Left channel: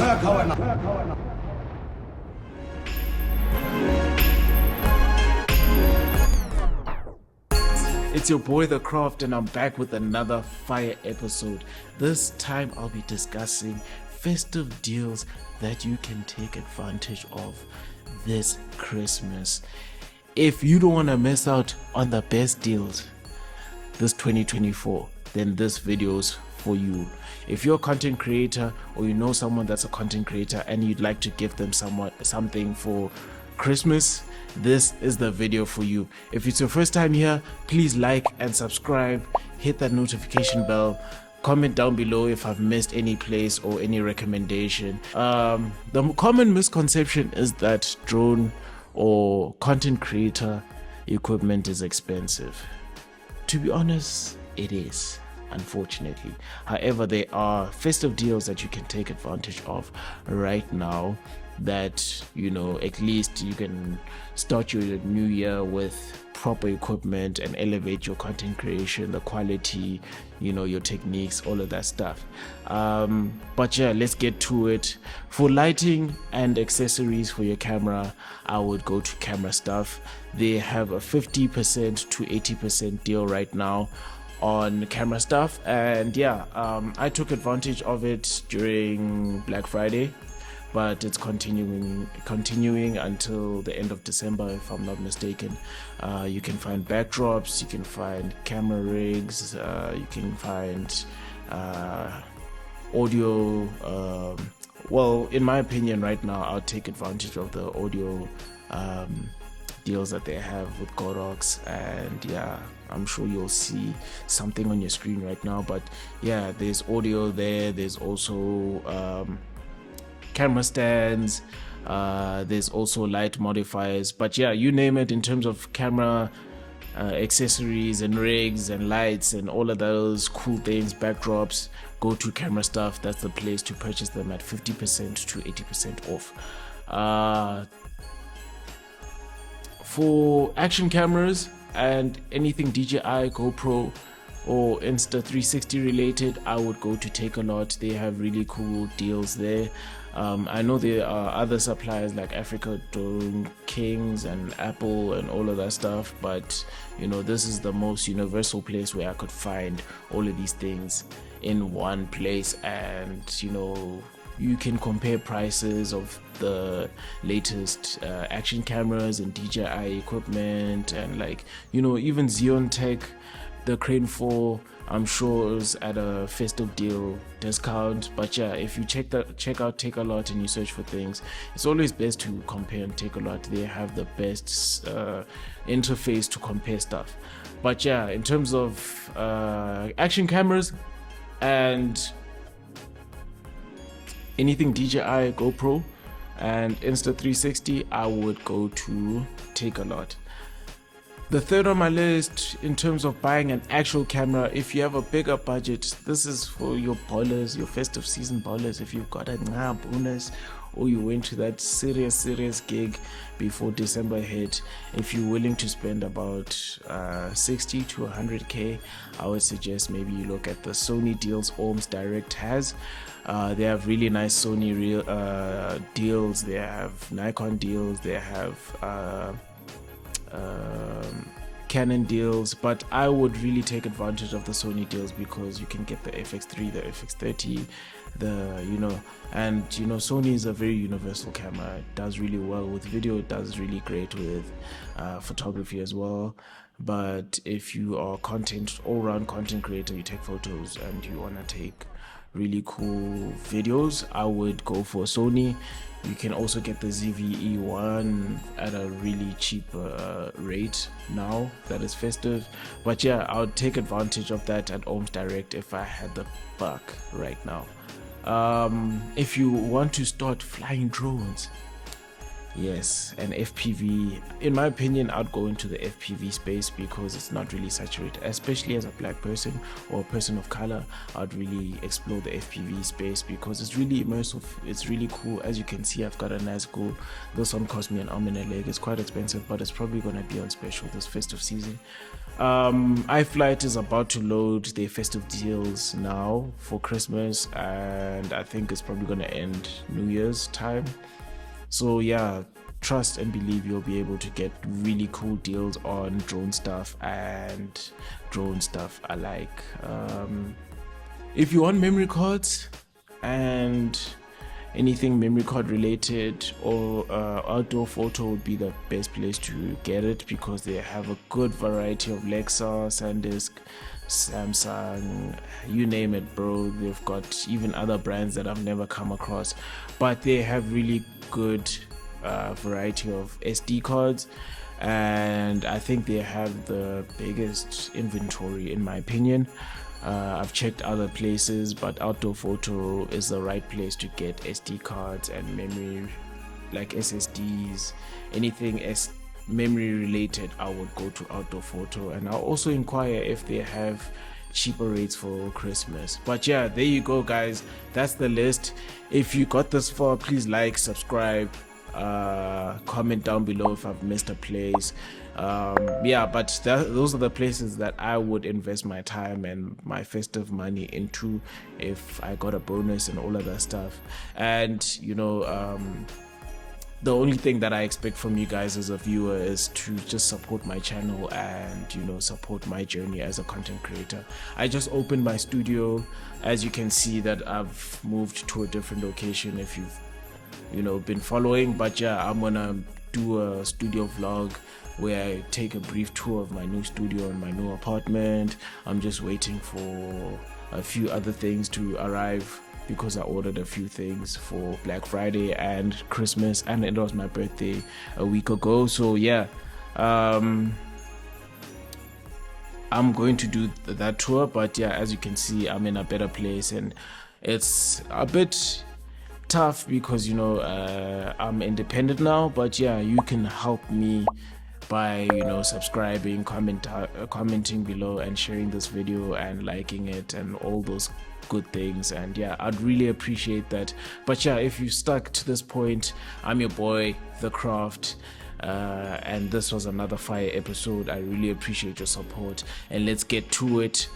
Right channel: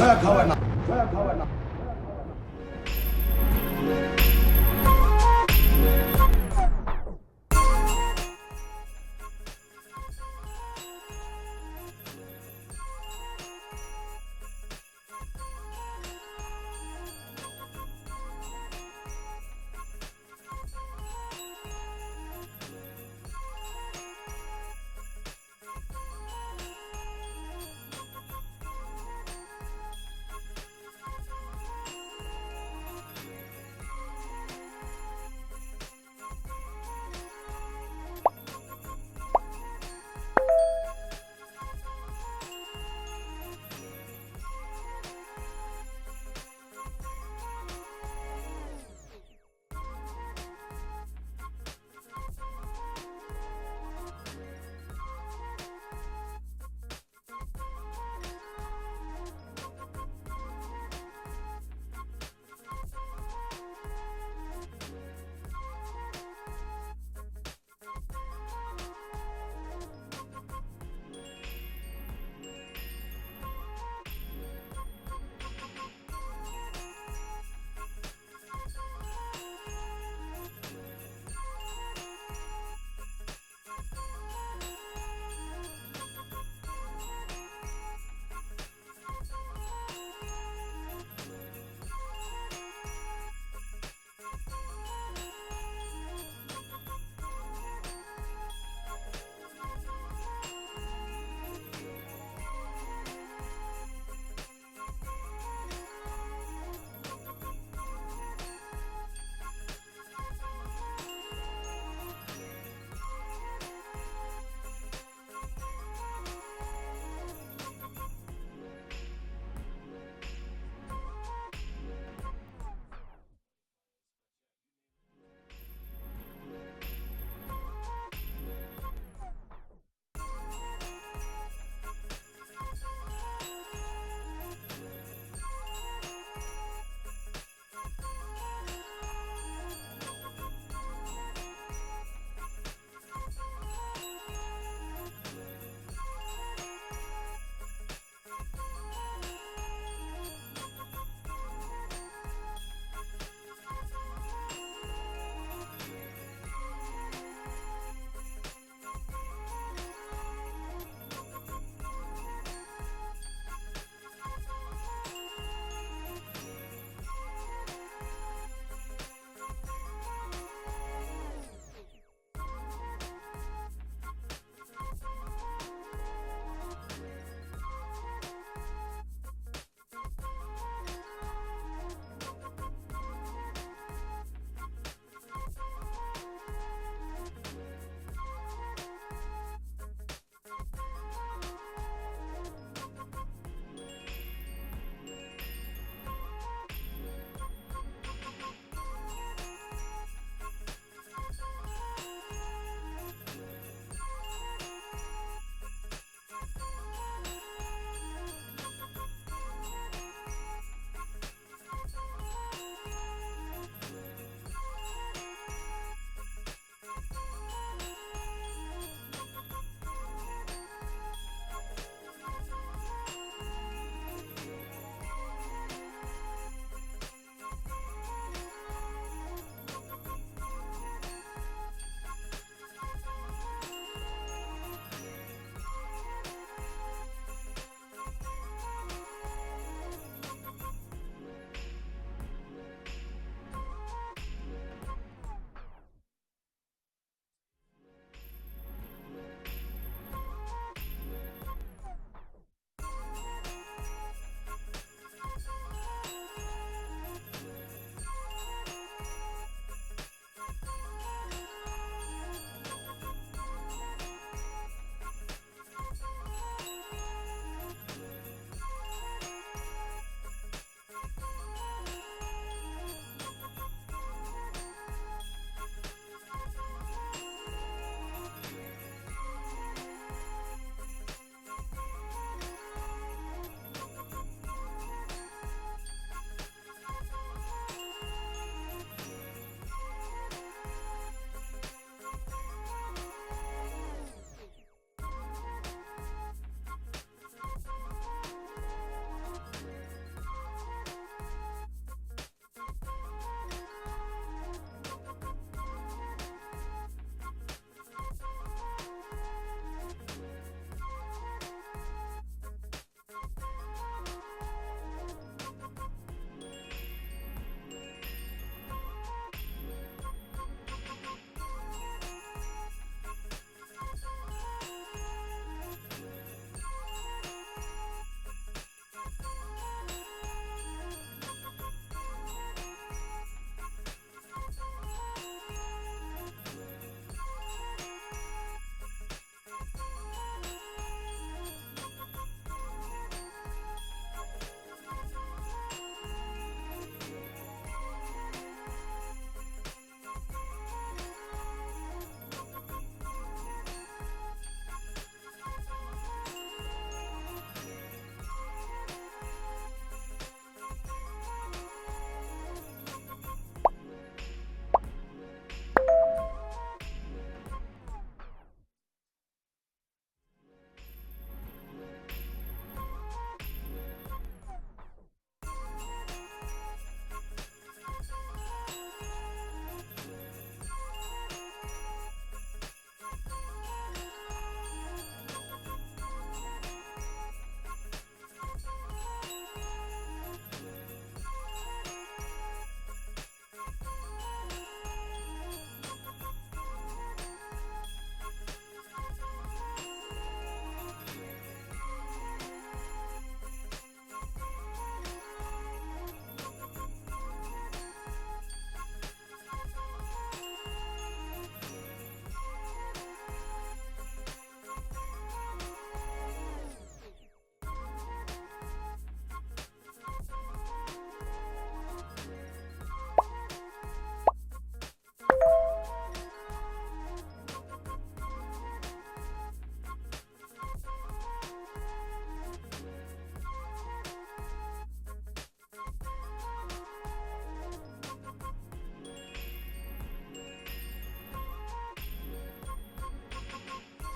It's your boy The Craft, and I'm back with another fire episode. This time I'll be discussing festive deals that you can take advantage of this Christmas. If you don't want to miss out on the best deals this 2024, then this video's for you. If you're a content creator or you know someone that's a content creator and you'd like to give them something for Christmas, this is the video for you. If it's your first time here, please like and subscribe, hit that notification bell, comment down below if I've missed any place or any recommendation. The common misconception is that drone or content creator equipment is expensive. To be honest, it is, unfortunately. However, there are festive deals that you can take advantage of right now that, you know, at least you can start your new year with proper equipment and elevate your content creation, the quality, you know, your techniques, all of that stuff. But yeah, let's get to it. For lighting and accessories for your camera, I would go to Camera Stuff. They have a 50% to 80% deal right now on Camera Stuff, and yeah, I took advantage of it during Black Friday, but it's continuing until the end of December, if I'm not mistaken. You can find backdrops, you can find camera rigs, you can find audio. Well, in my opinion, right now, I'll take advantage of the audio deals that they have with Godox, and yeah, I'm sure you'll see something on your screen right now. But yeah, there's audio there, there's also camera stands, there's also light modifiers, but yeah, you name it, in terms of camera accessories and rigs and lights and all of those cool things, backdrops, go to Camera Stuff. That's the place to purchase them at 50% to 80% off. For action cameras and anything DJI, GoPro or Insta360 related, I would go to Takealot. They have really cool deals there. I know there are other suppliers like Africa Drone Kings and Apple and all of that stuff, but you know, this is the most universal place where I could find all of these things in one place, and you know, you can compare prices of the latest action cameras and DJI equipment, and like, you know, even Xeon Tech, the Crane 4, I'm sure is at a festive deal discount. But yeah, if you check out Takealot and you search for things, it's always best to compare and Takealot. They have the best interface to compare stuff. But yeah, in terms of action cameras and anything DJI, GoPro and Insta360, I would go to Takealot. The third on my list in terms of buying an actual camera, if you have a bigger budget, this is for your ballers, your festive season ballers. If you've got a bonus or you went to that serious gig before December hit, if you're willing to spend about 60 to 100k, I would suggest maybe you look at the Sony deals Ohms Direct has. They have really nice Sony deals, they have Nikon deals, they have Canon deals, but I would really take advantage of the Sony deals because you can get the FX3, the FX30, and Sony is a very universal camera. It does really well with video, it does really great with photography as well. But if you are all-round content creator, you take photos and you want to take really cool videos, I would go for Sony. You can also get the ZVE1 at a really cheap rate now that is festive. But yeah, I would take advantage of that at Ohms Direct if I had the buck right now. If you want to start flying drones, Yes, and FPV, in my opinion, I'd go into the FPV space because it's not really saturated, especially as a black person or a person of color. I'd really explore the FPV space because it's really immersive, it's really cool. As you can see, I've got a nice goal. This one cost me an arm and a leg. It's quite expensive, but it's probably gonna be on special this festive season. iFlight is about to load their festive deals now for Christmas, and I think it's probably gonna end New Year's time. So yeah, trust and believe you'll be able to get really cool deals on drone stuff and drone stuff alike. If you want memory cards and anything memory card related, or outdoor photo would be the best place to get it because they have a good variety of Lexus, SanDisk, Samsung, you name it, bro. They've got even other brands that I've never come across, but they have really good variety of SD cards, and I think they have the biggest inventory in my opinion. I've checked other places, but outdoor photo is the right place to get SD cards and memory, like SSDs, anything memory related. I would go to outdoor photo, and I'll also inquire if they have cheaper rates for Christmas. But yeah, there you go, guys. That's the list. If you got this far, please like, subscribe, comment down below if I've missed a place. Yeah, but those are the places that I would invest my time and my festive money into if I got a bonus and all of that stuff. And you know, the only thing that I expect from you guys as a viewer is to just support my channel and, you know, support my journey as a content creator. I just opened my studio. As you can see that I've moved to a different location if you've, you know, been following. But yeah, I'm gonna do a studio vlog where I take a brief tour of my new studio and my new apartment. I'm just waiting for a few other things to arrive because I ordered a few things for Black Friday and Christmas, and it was my birthday a week ago. So yeah, I'm going to do that tour. But yeah, as you can see, I'm in a better place, and it's a bit tough because, you know, I'm independent now. But yeah, you can help me by, you know, subscribing, commenting below and sharing this video and liking it and all those good things. And yeah, I'd really appreciate that. But yeah, if you stuck to this point, I'm your boy The Craft, and this was another fire episode. I really appreciate your support, and let's get to it.